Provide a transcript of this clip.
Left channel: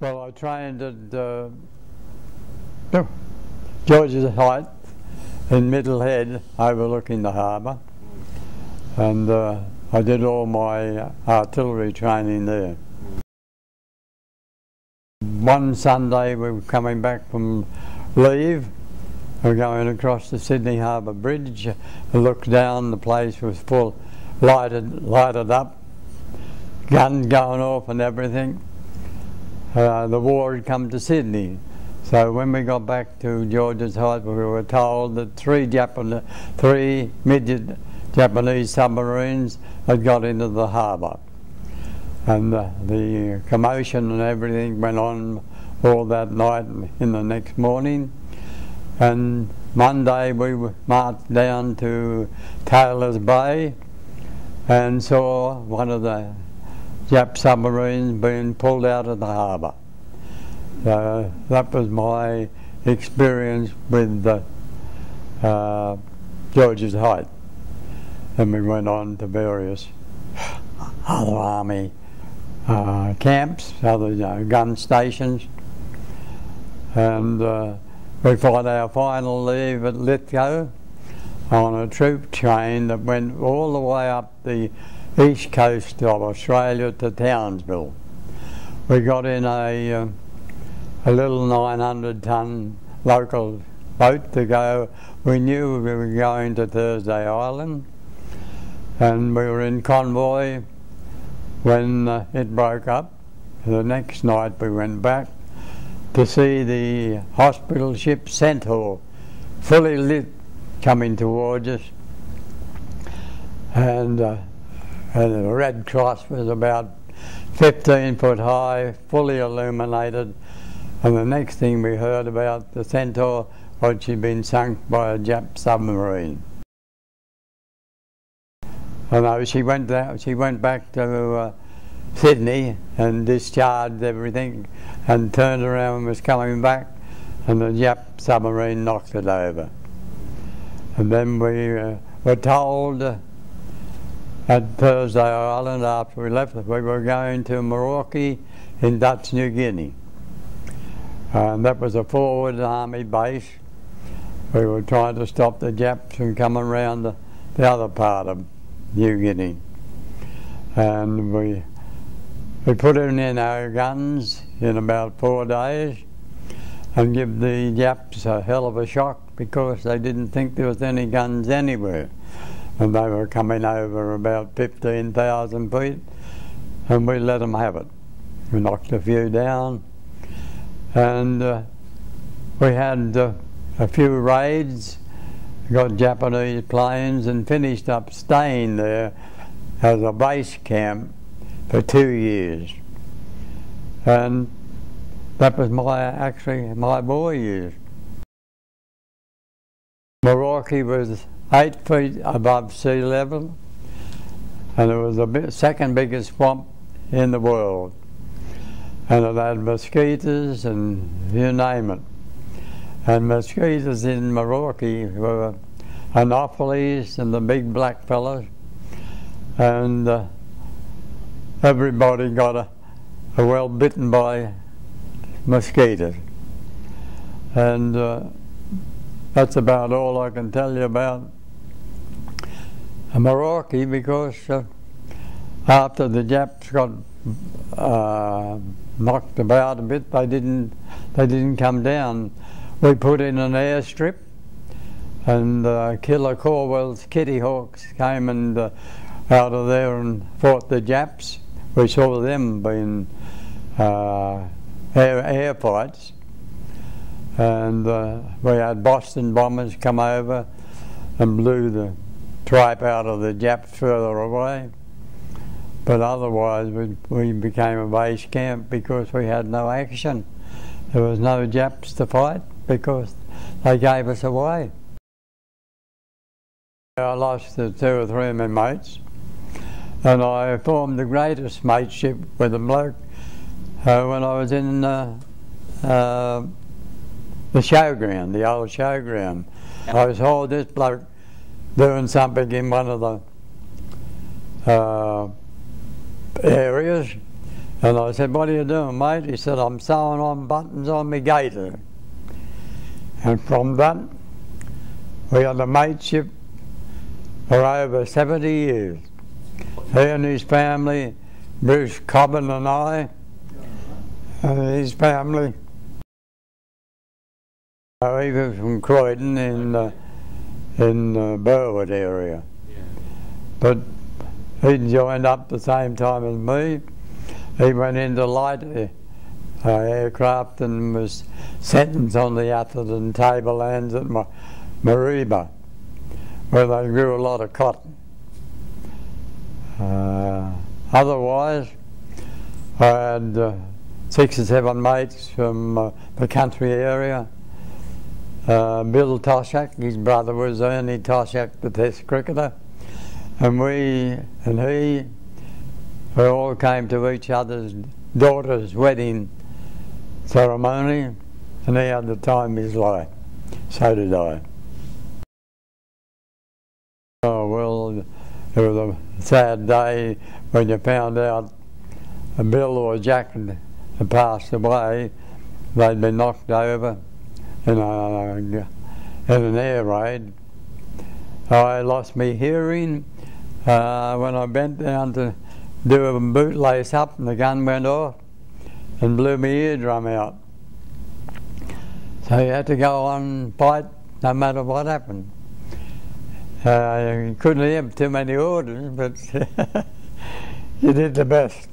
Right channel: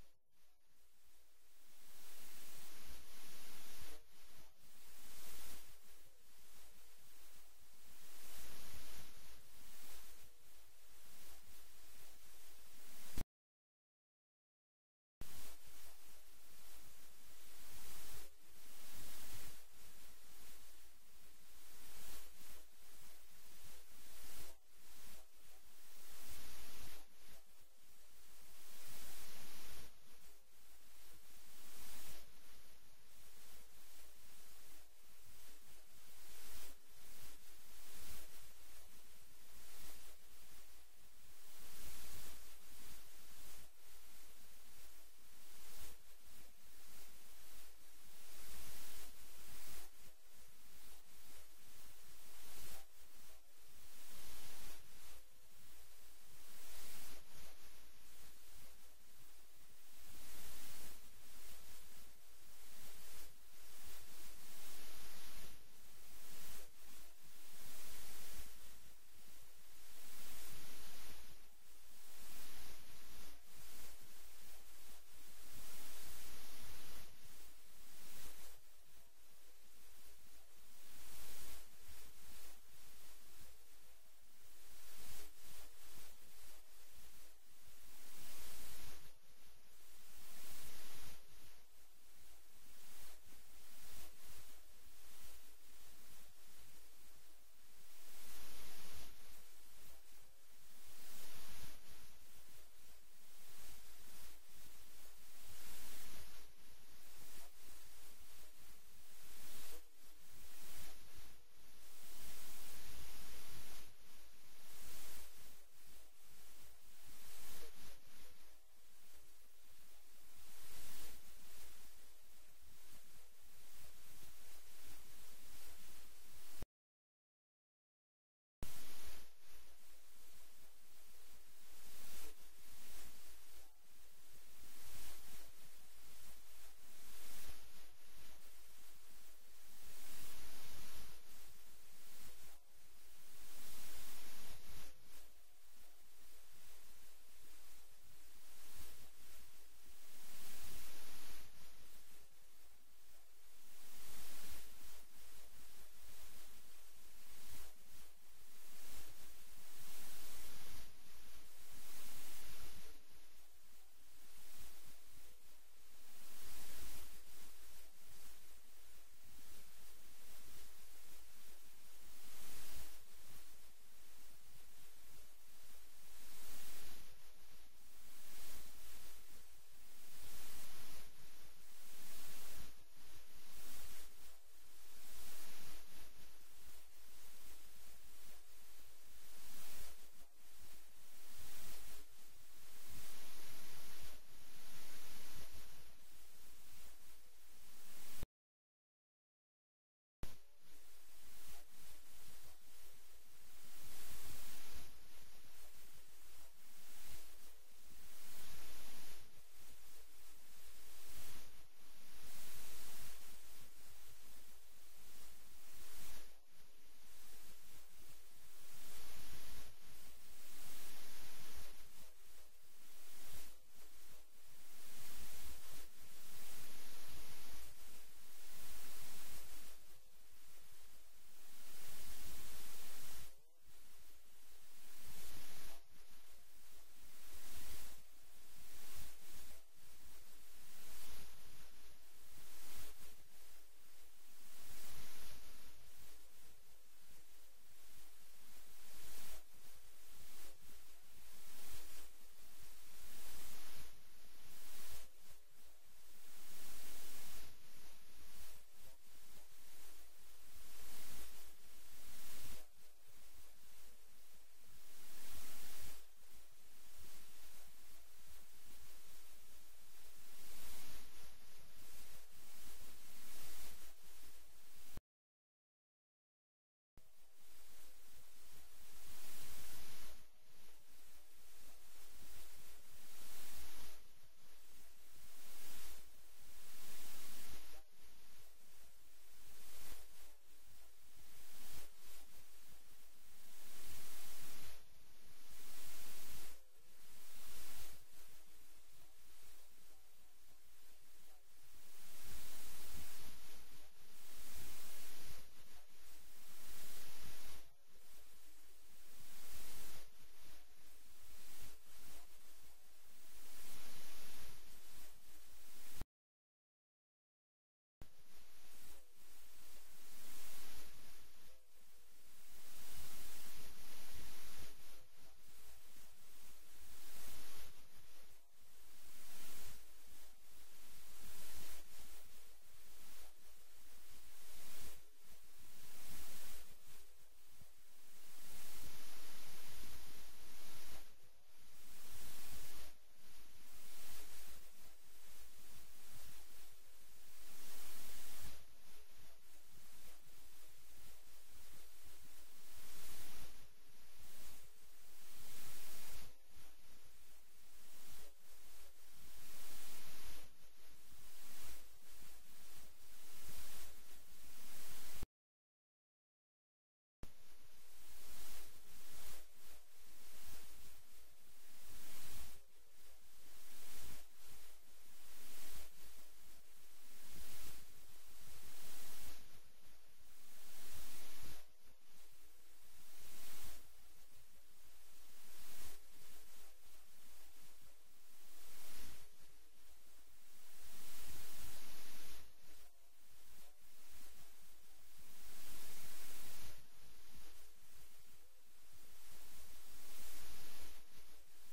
Well, I trained at George's Height in Middlehead, overlooking the harbour, and I did all my artillery training there. One Sunday we were coming back from leave, we were going across the Sydney Harbour Bridge. I looked down, the place was full, lighted up, guns going off and everything. The war had come to Sydney. So when we got back to George's Height, we were told that three midget Japanese submarines had got into the harbour. And the commotion and everything went on all that night and in the next morning. And Monday we marched down to Taylor's Bay and saw one of the Jap submarines being pulled out of the harbour. So that was my experience with George's Height. And we went on to various other army camps, other gun stations, and we fought our final leave at Lithgow on a troop train that went all the way up the east coast of Australia to Townsville. We got in a little 900-ton local boat to go. We knew we were going to Thursday Island, and we were in convoy when it broke up. The next night we went back to see the hospital ship Centaur, fully lit, coming towards us, and the Red Cross was about 15 foot high, fully illuminated, and the next thing we heard about the Centaur was she'd been sunk by a Jap submarine. And she went back to Sydney and discharged everything and turned around and was coming back, and the Jap submarine knocked it over. And then we were told at Thursday Island, after we left, we were going to Merauke in Dutch New Guinea. And that was a forward army base. We were trying to stop the Japs from coming around the other part of New Guinea. And we put in our guns in about 4 days and give the Japs a hell of a shock because they didn't think there was any guns anywhere. And they were coming over about 15,000 feet, and we let them have it. We knocked a few down, and we had a few raids, got Japanese planes, and finished up staying there as a base camp for 2 years. And that was actually my boy years. Merauke was 8 feet above sea level, and it was the second biggest swamp in the world. And it had mosquitoes and you name it. And mosquitoes in Merauke were anopheles and the big black fellows, and everybody got well bitten by mosquitoes. And that's about all I can tell you about Merauke, because after the Japs got knocked about a bit, they didn't come down. We put in an airstrip, and Killer Corwell's Kitty Hawks came and out of there and fought the Japs. We saw them being air fights, and we had Boston bombers come over and blew the tripe out of the Japs further away. But otherwise we became a base camp because we had no action. There was no Japs to fight because they gave us away. I lost 2 or 3 of my mates, and I formed the greatest mateship with a bloke when I was in the showground, the old showground. I saw this bloke doing something in one of the areas, And I said, "What are you doing, mate?" He said, "I'm sewing on buttons on my gaiter." And from that, we had a mateship for over 70 years. He and his family, Bruce Cobbin and I, and his family. He was from Croydon in the Berger area. But he joined up the same time as me. He went into light aircraft and was sentenced on the Atherton tablelands at Mariba, where they grew a lot of cotton. Otherwise, I had 6 or 7 mates from the country area. Bill Toshak, his brother was Ernie Toshak, the Test cricketer, and we all came to each other's daughter's wedding ceremony, and he had the time of his life. So did I. Oh well, it was a sad day when you found out Bill or Jack had passed away. They'd been knocked over in an air raid. I lost my hearing when I bent down to do a bootlace up, and the gun went off and blew my eardrum out. So you had to go on and fight no matter what happened. You couldn't have too many orders, but you did the best.